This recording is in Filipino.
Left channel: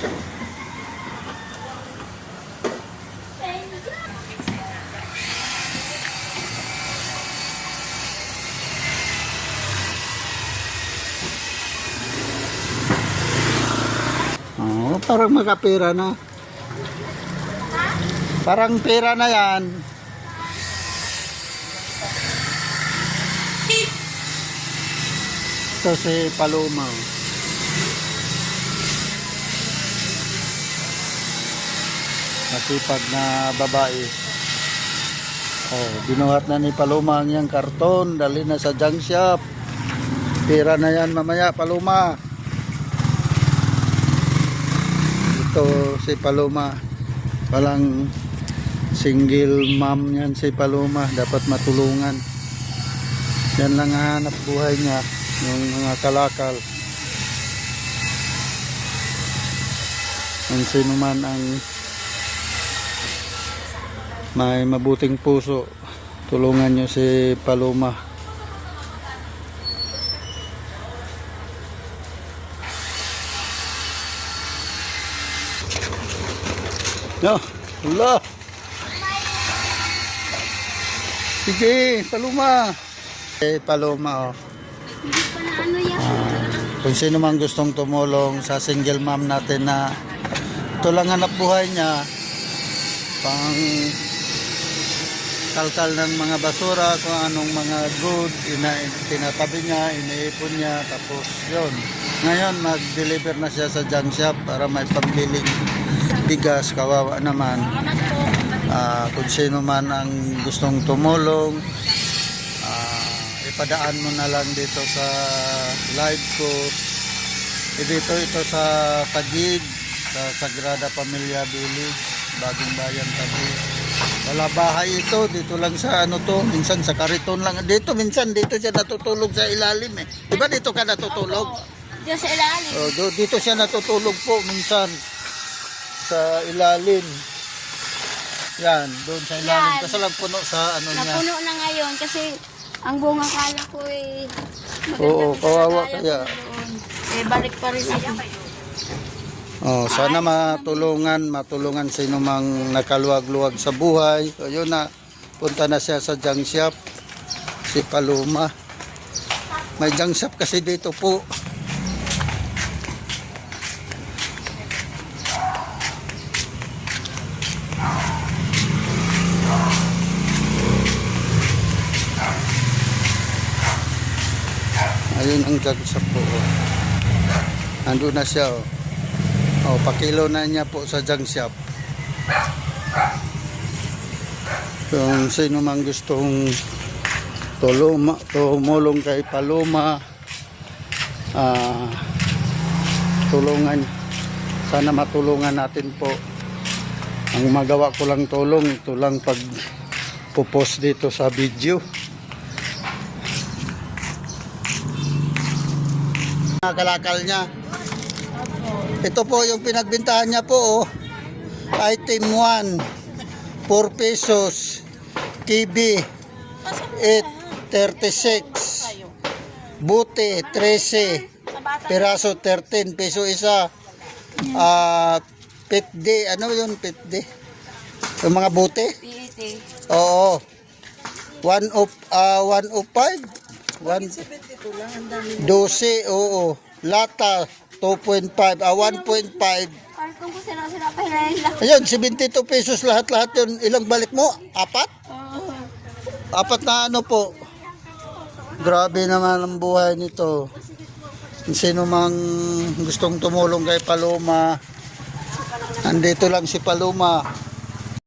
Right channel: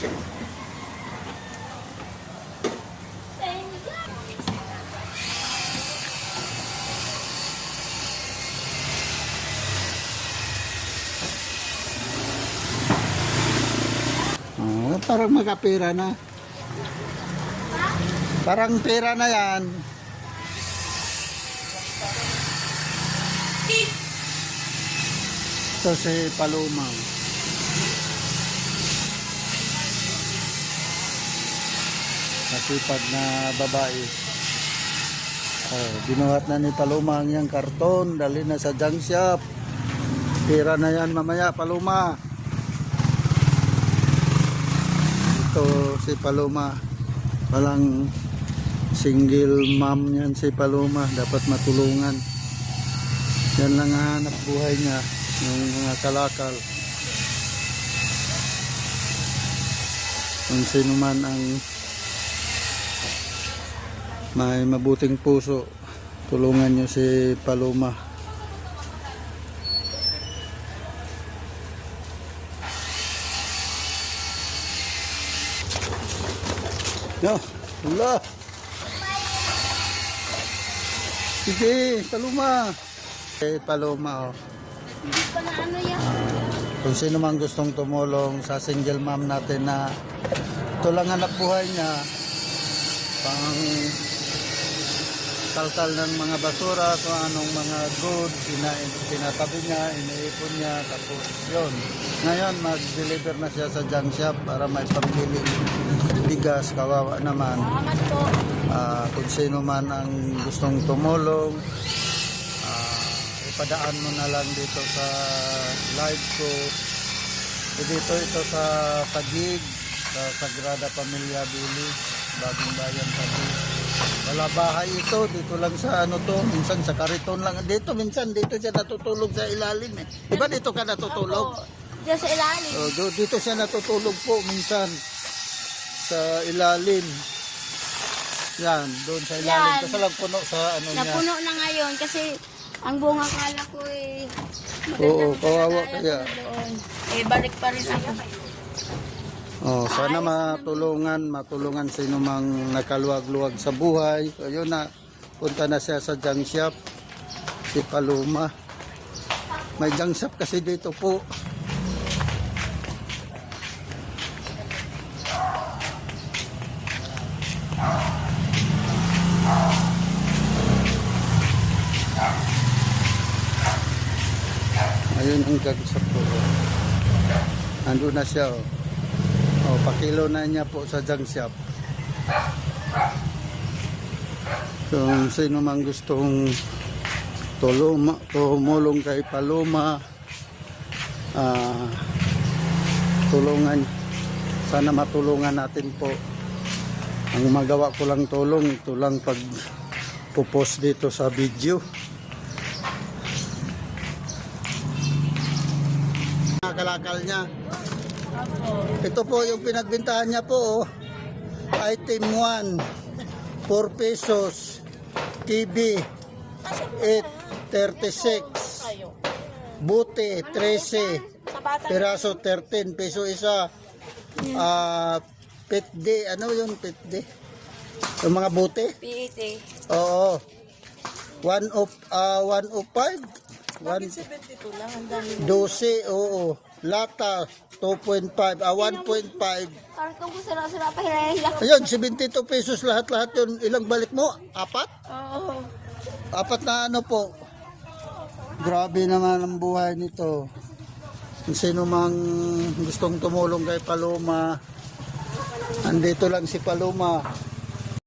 Oh, parang makapira na. Parang pera na yan. Ito si Paloma. Nasipag na babae. Oh, binuhat na ni Paloma ang iyang karton. Dali na sa junk shop. Pera na yan mamaya, Paloma. Ito si Paloma. Palang single mom yan si Paloma. Dapat matulungan. Yan lang ang hanap buhay niya. Yung mga kalakal. Ang sino man ang may mabuting puso. Tulungan niyo si Paloma. No, wala. Sige, Paloma. Eh, Paloma, oh. Hindi ano yan. Kung sino man gustong tumulong sa single mom natin na ito lang hanap buhay niya, pang kalkal ng mga basura, kung anong mga good, ina, tinatabi niya, iniipon niya, tapos yun. Ngayon, mag-deliver na siya sa junk shop para may pambiling bigas, kawawa naman. Ah, kung sino man ang gustong tumulong, ah, ipadaan mo na lang dito sa live ko. Eh, dito ito sa Tagig, sa Sagrada Familia Village, Bagong Bayan Tagig. Wala bahay ito, dito lang sa ano to, minsan sa kariton lang. Dito minsan dito siya natutulog sa ilalim eh. Di ba dito ka natutulog? Diyan sa ilalim. Oh, do- dito siya natutulog po minsan sa ilalim. Yan, doon sa ilalim. Yan. Kasi lang puno sa ano niya. Napuno na ngayon kasi ang bunga kala ko eh. Oo, kawawa kaya. doon. Eh, balik pa rin ako. Oh, sana matulungan, matulungan sino mang nakaluwag-luwag sa buhay. So, yun na, punta na siya sa junk shop. Si Paloma. May junk shop kasi dito po. Ayun ang junk shop po. Ando na siya oh. Oh, pakilo na niya po sa junk shop. Kung sino man gustong tulong, tumulong kay Paloma, ah, tulungan, sana matulungan natin po. Ang magawa ko lang tulong, ito lang pag pupost dito sa video. Kalakal niya. Ito po yung pinagbintahan niya po oh. Item 1 4 pesos. TV 8.36 Buti 13 Piraso 13 peso isa. Ah Pitdi Ano yun pitdi Yung mga buti? PET. Oo. 1 of ah 105 1 12 oo. Lata 2.5 ah 1.5 Kartong ko sila-sila pa lang. Ayun, 72 pesos lahat-lahat yun. Ilang balik mo? Apat? Oo. Apat na ano po. Grabe naman ang buhay nito. Kung Sino mang gustong tumulong kay Paloma, andito lang si Paloma.